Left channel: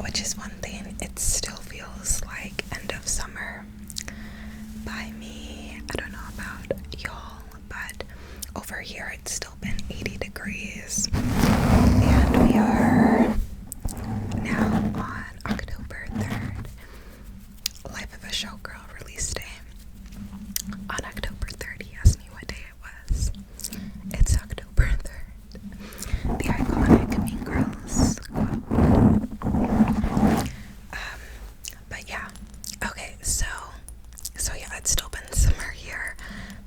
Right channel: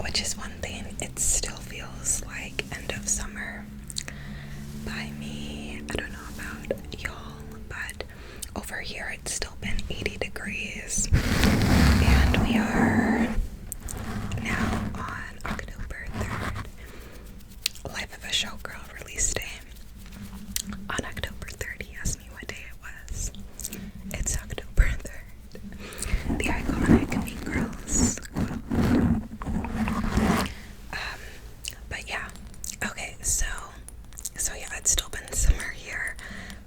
which is one thing. It still feels like end of summer by me. I don't know about y'all, but over here it's still been 80 degrees, and we are now on October 3rd. Life of a Showgirl release day. On October 3rd, he asked me what day it was. It's October 3rd. The iconic Mean Girls quote. But yeah. Okay, so yeah, it's still been summer here,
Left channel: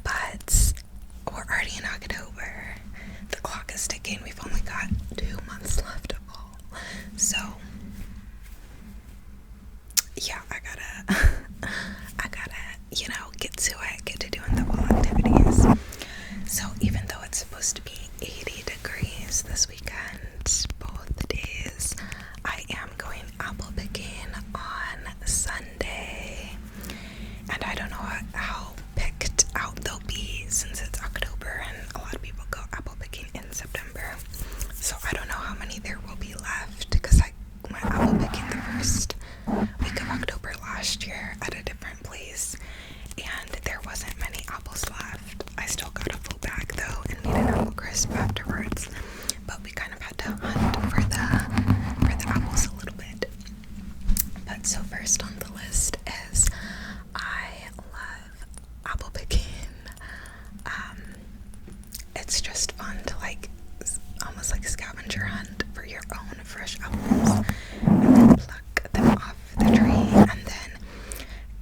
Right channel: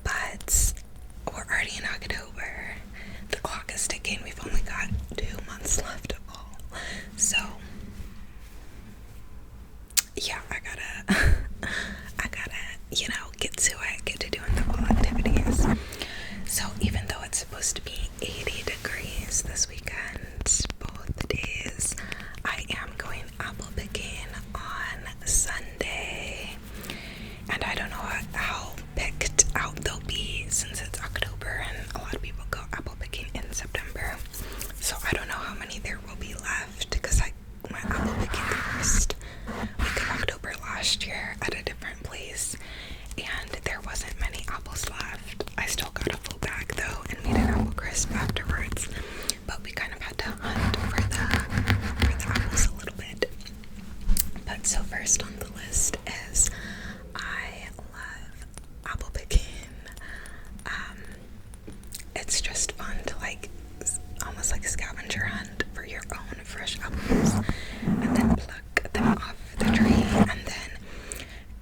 but we're already in October. The clock is ticking. We've only got 2 months left of fall. So yeah, I gotta, get to it, get to doing the fall activities. So even though it's supposed to be 80 degrees this weekend, both days, I am going apple picking on Sunday. And I don't know how picked out they'll be since it's October and a lot of people go apple picking in September. So I don't know how many there will be left because I went apple picking the first week of October last year at a different place and there wasn't many apples left. I still got a full bag though and made an apple crisp afterwards, but we kind of had to hunt for the apples a little bit. But so first on the list is I love apple picking. It's just fun to almost like a scavenger hunt for your own fresh apples and then pluck them off the tree. And then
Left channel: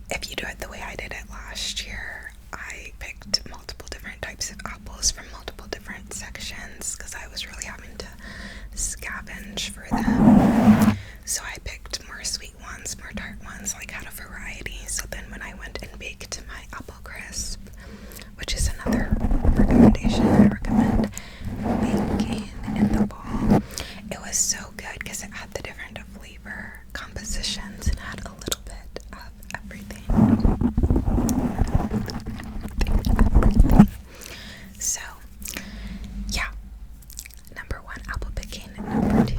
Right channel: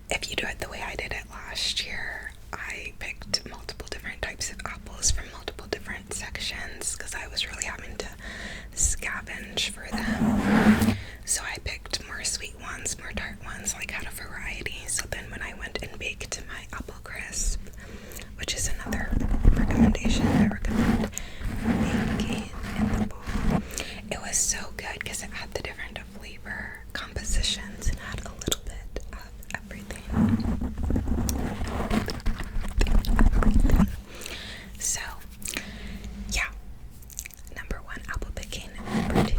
if you do it the way I did it last year, I picked multiple different types of apples from multiple different sections because I was really having to scavenge for them. So I picked more sweet ones, more tart ones, had a variety. So then when I went and baked my apple crisp, which is another recommendation I recommend baking in the fall, it was so good because it had the different flavor compositions and had a little bit of everything. So yeah, number 1 apple picking, number 2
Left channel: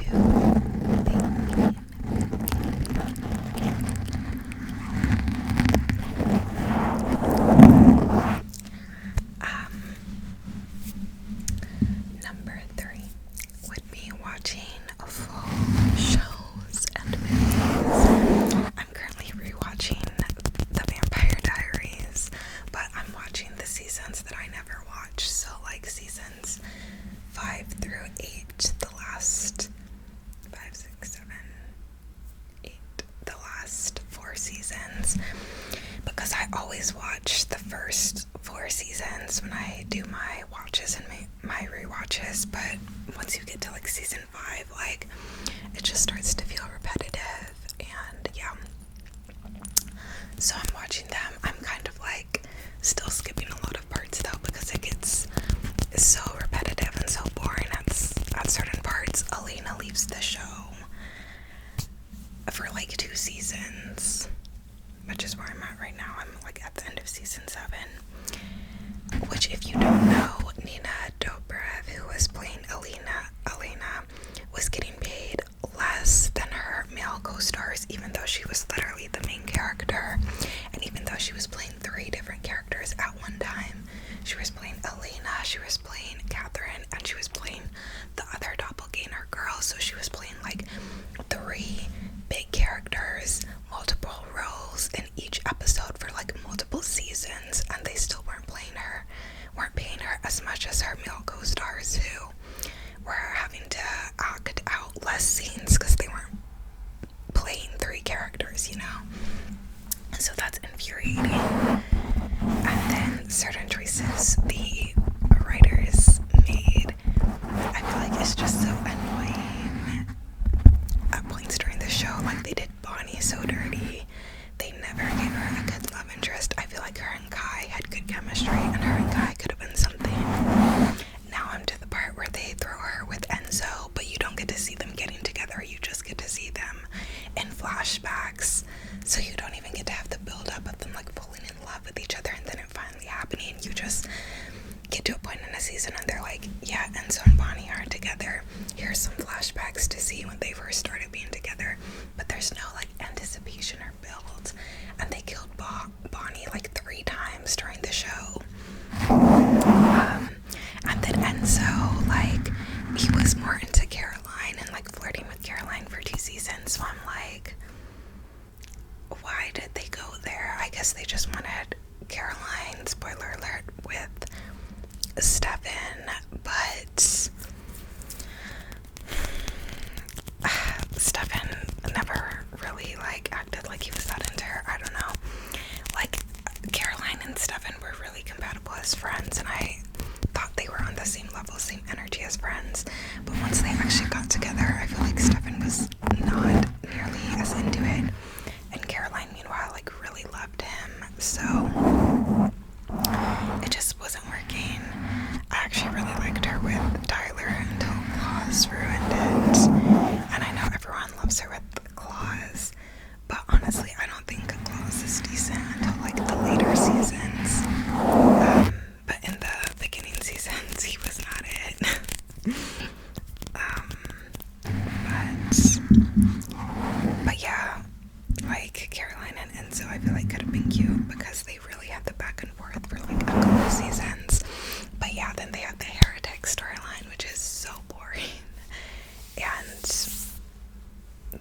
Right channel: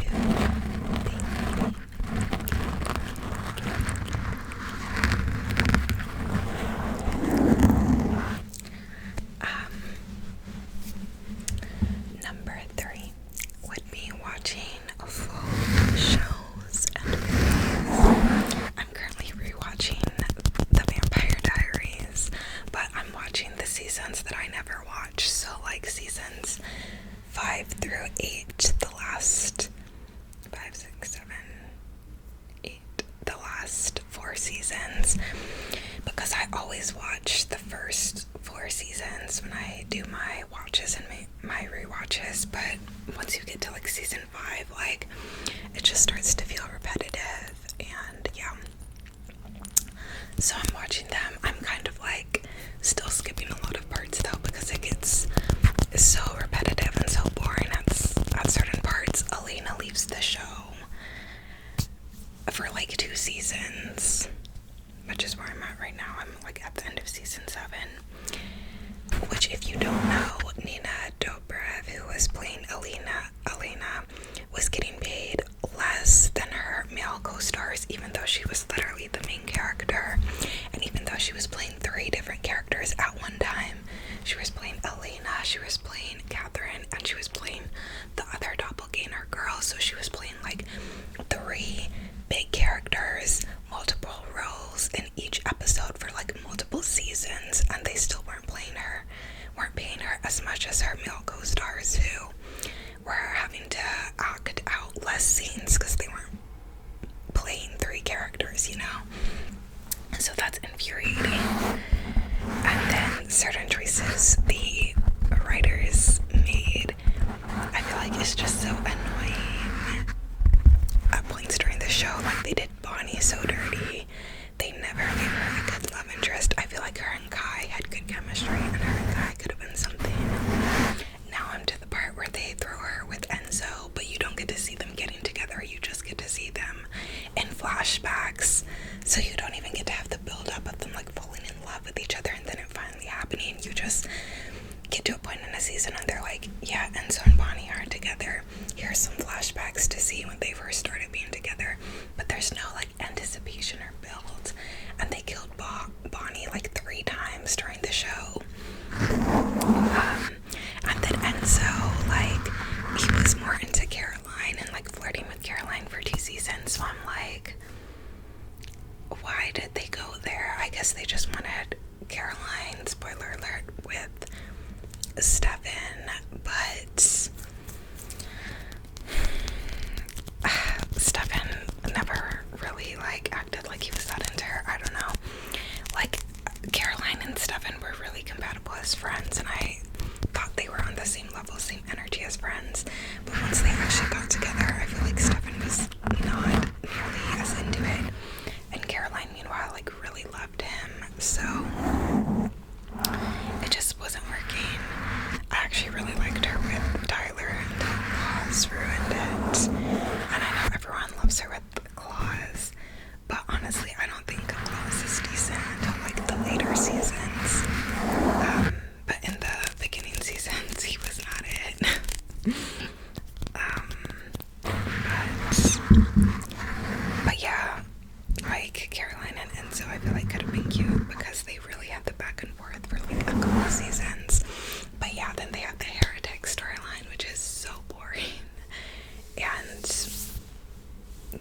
baking. Number 3 would be watching fall shows and movies. I'm currently rewatching The Vampire Diaries, but I'm watching the seasons that I never watched. So seasons 5 through 8, the last 5, 6, 7, 8, the last 4 seasons, because I always watch the first 4 seasons when I do my watches and my rewatches, but once you get to season 5, it just starts to feel repetitive, and yeah, so I'm watching them. I'm kind of still skipping a lot of parts though because it gets so repetitive and so boring at certain parts. Elena leaves the show for 2 seasons, which is where I'm at right now. I'm at the end of season 7, which, if you don't know, Nina Dobrev, who was playing Elena, was getting paid less than her male co-stars, even though she was literally the main character, and even though she was playing 3 different characters at one time. She was playing Elena, she was playing Catherine, and she was playing the other doppelganger girl, so she was playing 3 big characters, multiple roles in each episode for multiple seasons, and they still weren't paying her as much as her male co-stars who were having to act out less scenes because they weren't playing 3 characters, so that's infuriating. And then certain choices the writers made, I feel it's just so annoying at points during the show. They did Bonnie so dirty. They never gave her a good love interest. I feel her and Kai had good chemistry, and her and Kai could have been something. Now I'm to the part where they throw her with Enzo, but you don't get to see them getting together. You just get to see them in flashbacks. So you don't even get to have the build up of them falling in love with each other and then it finally happening. You just get to a point in a season and they're yeah, Enzo and Bonnie are together. Here's some flashback ecstasy when they first started being together, but there's no like anticipation or build. And they killed Bonnie like 3 times during the show. And then Enzo, like, he was more into Caroline and like flirting with Caroline for 2 seasons. So I'm like, why did they go there? I guess they just wanted Caroline, spoiler alert, with Stefan, but Stefan never really like acted like he was that into her. I don't know. Like, Caroline and Stefan were really compatible as friends, and I thought they were on the same level, same energy as friends. But once they actually got together, I feel like Stefan was not nearly as into it. And Caroline, meanwhile, like really loved him. So it just wasn't working. I actually really liked her with Tyler until Claus ruined it. And I know everyone loves her with Claus, but honestly, I don't think Claus is decent until like the later seasons. But in the beginning seasons, he was not it. But yeah, like Caroline and Enzo, I feel like could have been cute because they really had the back and forth for like a couple seasons. But yeah, then they have the heretic storyline, which is so boring. And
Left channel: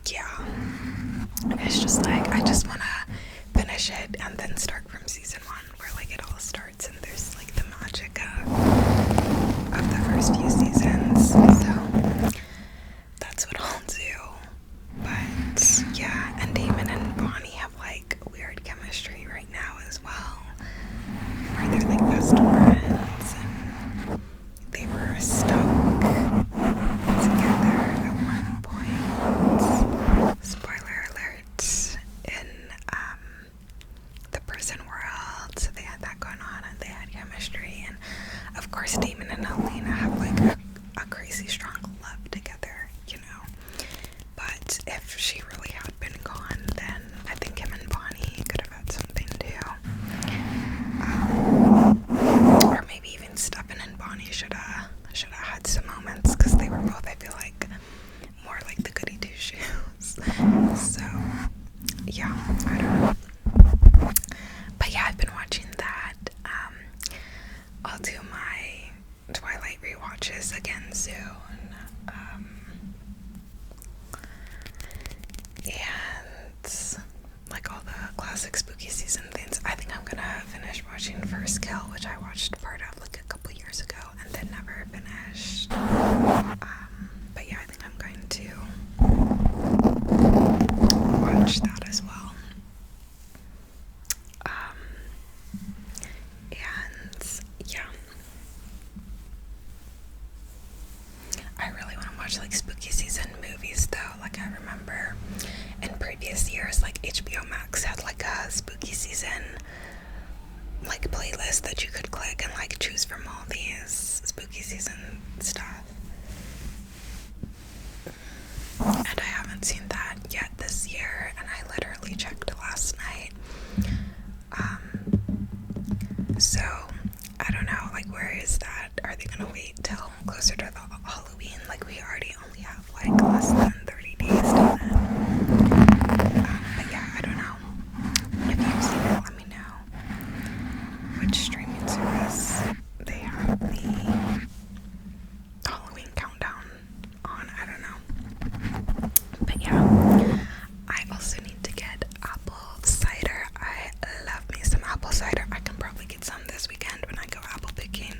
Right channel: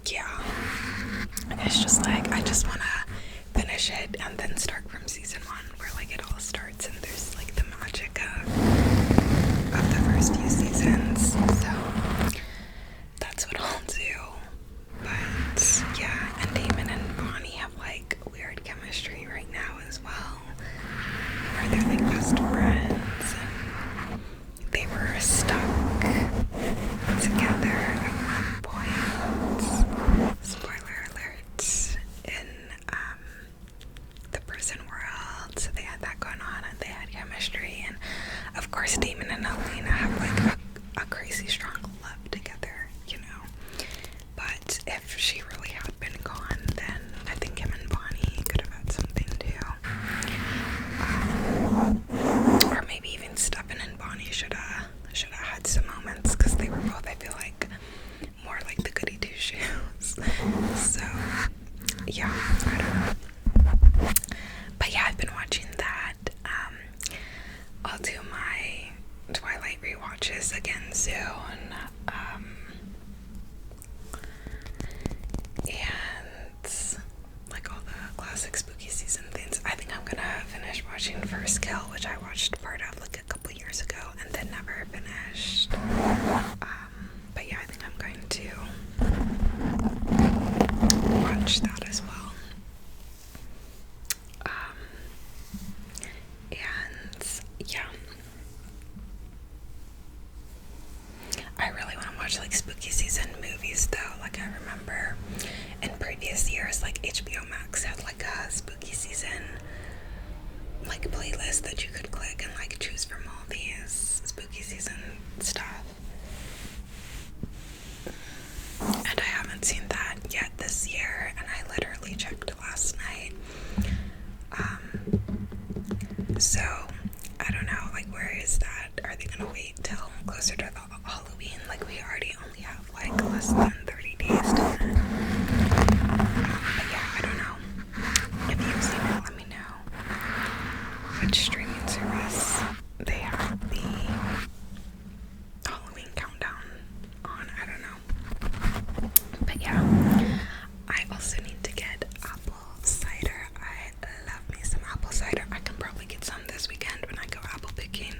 yeah, it's just like, I just want to finish it and then start from season 1 where like it all starts and there's like the magic of the first few seasons. So that's what I'll do. But yeah, and Damon and Bonnie have like weird chemistry right now as well, where they're like best friends, and they were stuck together at one point. Spoiler alert, in the prison world. So they had that going on and they had chemistry, and of course Damon and Elena have like a crazy strong love together, you know. But if she really had been gone, then I think him and Bonnie could have had something too. Or maybe even Stefan and Bonnie should have had some moments, because they were both, I feel like, more like the goody two shoes. So yeah, I don't know. But yeah, I've been watching that. I'll do my Twilight rewatches again soon. And like all the classic spooky season things. I think I'm gonna finish watching First Kill, which I watched part of like a couple years ago and then never finished. But yeah, I think I'm going to watch that as well. And yeah, I really want to watch like spooky season movies though. Like, I remember in previous years, like HBO Max had like a spooky season like playlist that you could click and like choose from all these spooky season stuff. And I haven't seen that yet this year, and I literally checked last night. So I don't know, like, where is that? Are they gonna wait till closer to the Halloween? Like, we already only have like less than 30 days till then. But yeah, I don't know. If you've seen it, let me know which streaming service they have the Halloween countdown on. I don't know. But yeah, I also need to get apple cider. I love me some apple cider. I can probably get some this weekend when I go apple picking.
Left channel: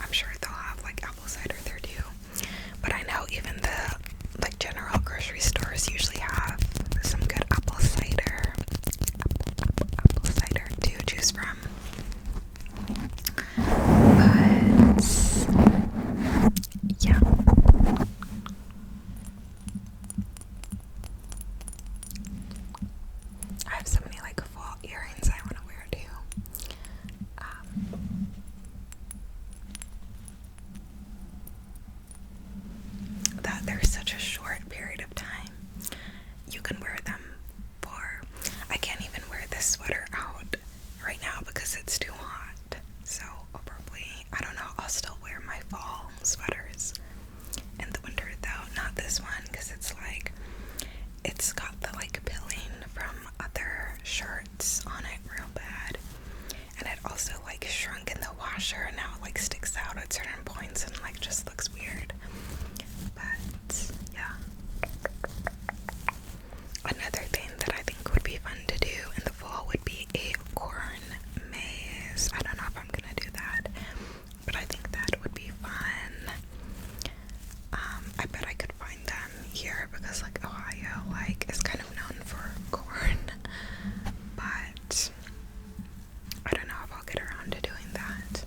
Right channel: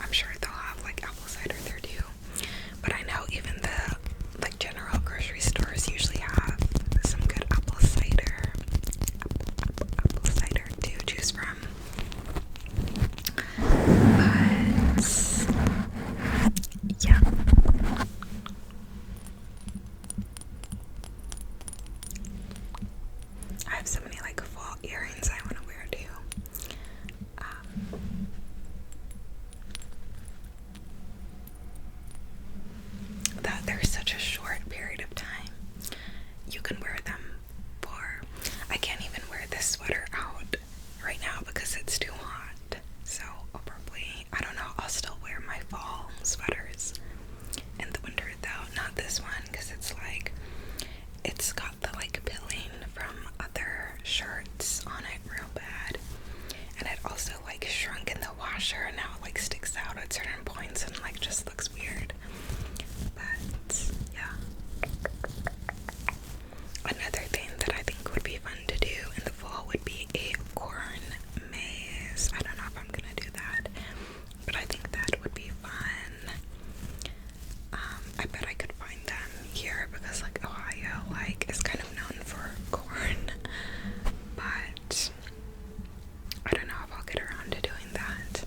I'm sure they'll have like apple cider there too. But I know even the like this one because it's got the like pilling from other shirts on it real bad, and it also like shrunk in the washer and now it like sticks out at certain points and like just looks weird. But yeah, another thing that I think would be fun to do in the fall would be a corn maze. I don't know if I'm gonna do that, but I think that would be fun. I bet I could find them here because like Ohio like is kind of known for corn, but I don't know if I'll get around to doing that.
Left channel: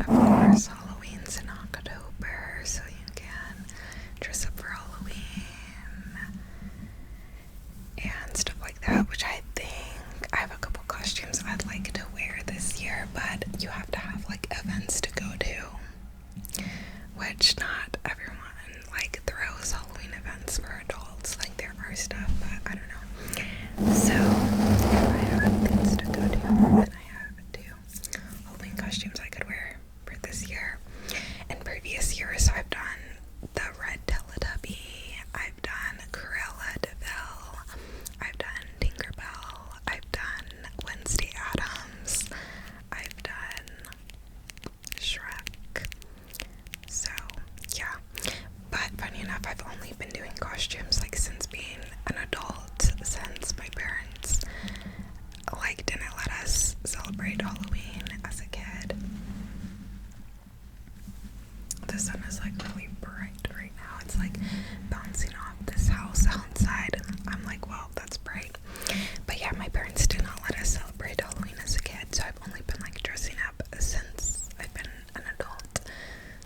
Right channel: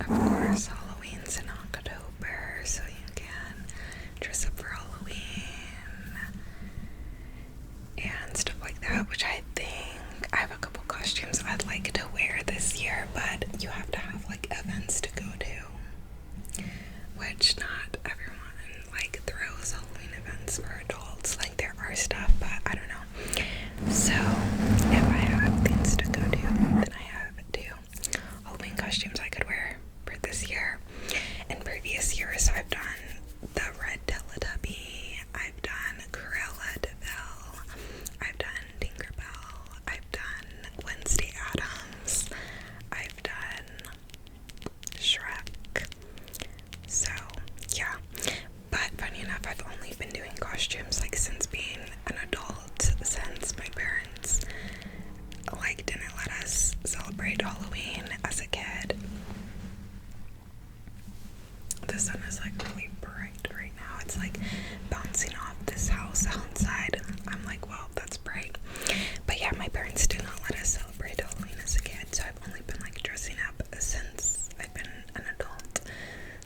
Of course, Halloween's in October, so you can dress up for Halloween and stuff like that, which I think I have a couple costumes I'd like to wear this year, but you have to have like events to go to, which not everyone like throws Halloween events for adults. Like there are stuff, but I don't know. So if I have things to go to, then I have to. Halloween costumes I could wear for this year. In previous years, I've done the Red Teletubby, I've done Cruella de Vil, I've done Tinkerbell, I've done Wednesday Addams, I've done Shrek. So yeah, but funny enough, I've only been doing costumes like since being an adult, since my parents like didn't let us celebrate Halloween as a kid. The sun is like really bright right now. It's like bouncing off this house outside, and I'm like, wow, that's bright. But yeah, my parents did not let us celebrate Halloween as a kid, so I've only been like dressing up since I've been an adult.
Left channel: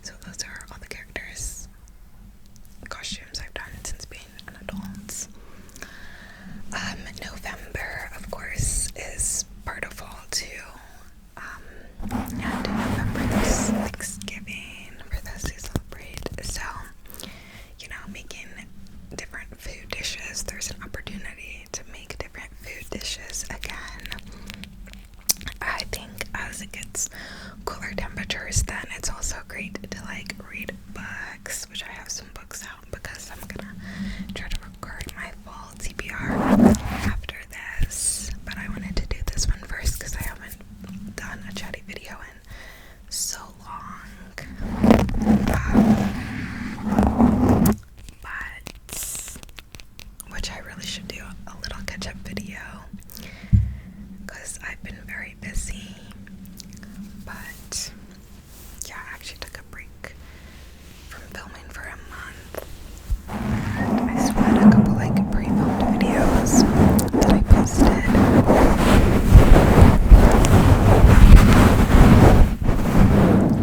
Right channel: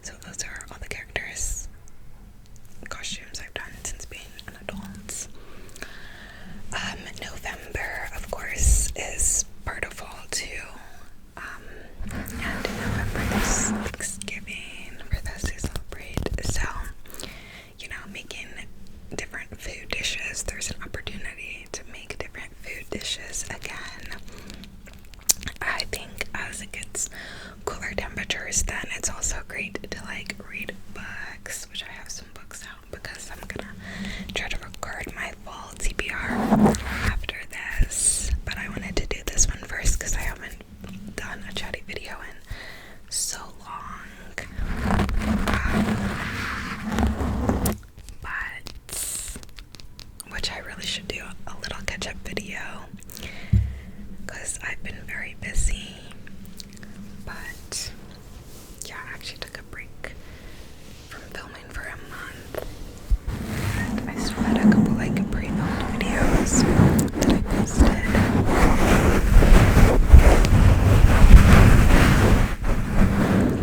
So those are all the characters, costumes I've done since being an adult. November, of course, is part of fall too. And in November there's Thanksgiving for those who celebrate. So, you know, making different food dishes. There's an opportunity to make different food dishes again. I think as it gets cooler temperatures, then it's also great to like read books, which I have some books out because I'm gonna try to record my fall TBR after this. But I wanted to do this one first because I haven't done a chatty video in so long. But which I really should do a little catch-up video because I've been very busy. But yeah, I actually took a break from filming for a month. But I still had a couple like pre-filmed videos that I posted.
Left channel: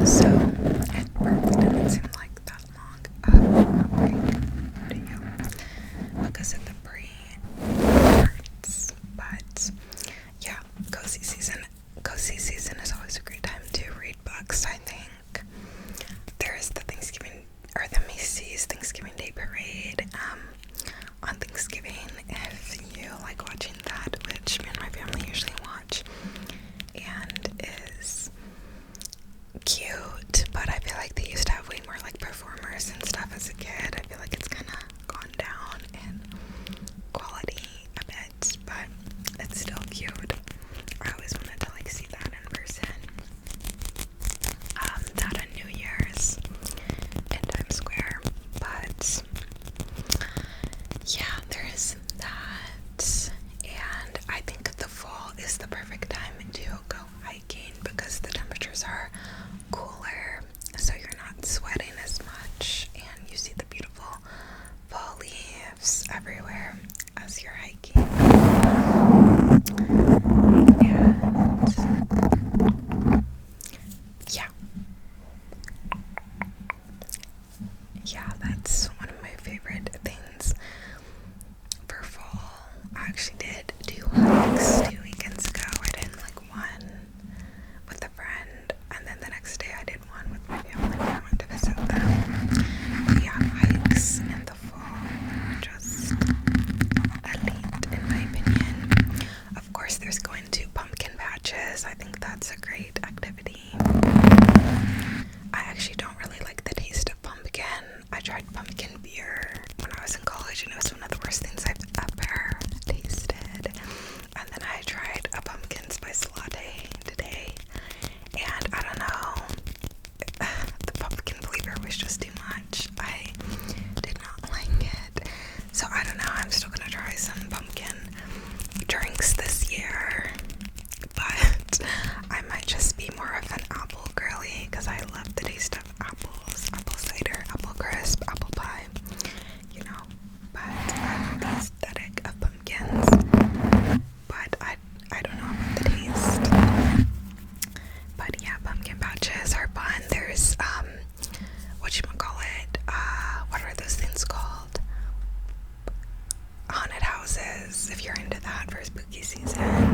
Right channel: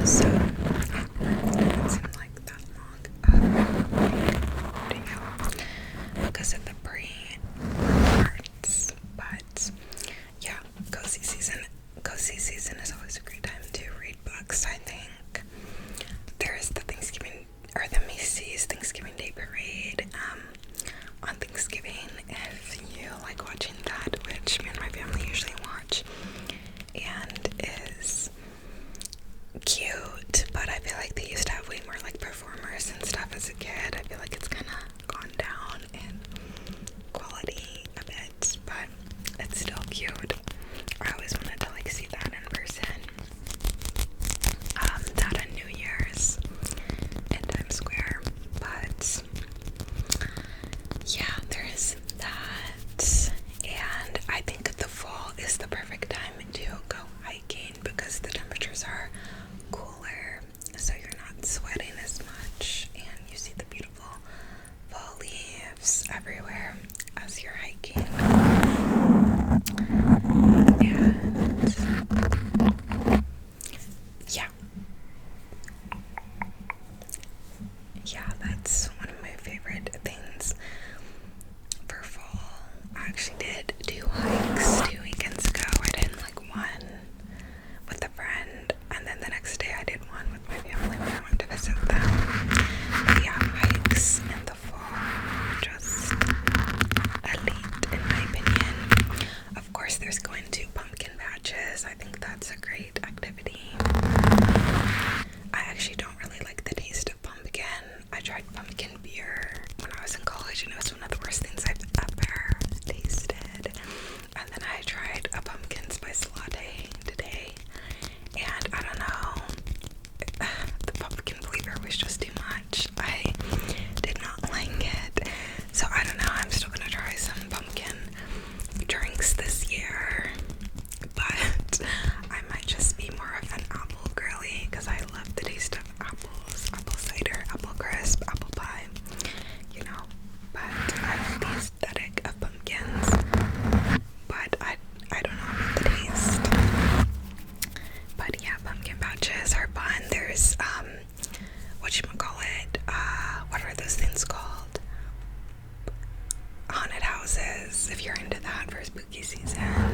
So it didn't seem like that long video because of the pre-parts. But yeah, cozy season is always a great time to read books. I think there's the Macy's Thanksgiving Day Parade on Thanksgiving, if you like watching that, which me and my family usually watch, and is cute, but I feel like they used to have way more like performers and stuff as a kid. I feel like it's kind of gone down in quality a bit, but it's still cute. I always wanted to like see that in person. That on New Year's in Times Square, but yeah, there is that. And I think the fall is the perfect time to go hiking because the temperatures are cooler, so you're not sweating as much and you see the beautiful fall leaves everywhere as you're hiking. And yeah, that's one of my favorite things for fall. I actually did 2 hikes 2 weekends ago. I did like one with a friend, and then the next day I did one with my family when I went to visit but I might just be more of an apple girly because I love the taste of apples, apple cider, apple crisp, apple pie, you know. But I love the aesthetic of pumpkins, but I don't know about the taste. But yeah, pumpkin patches are fun. There's whatchamacallit, what are those things called? Haunted houses, if you're into that for spooky season.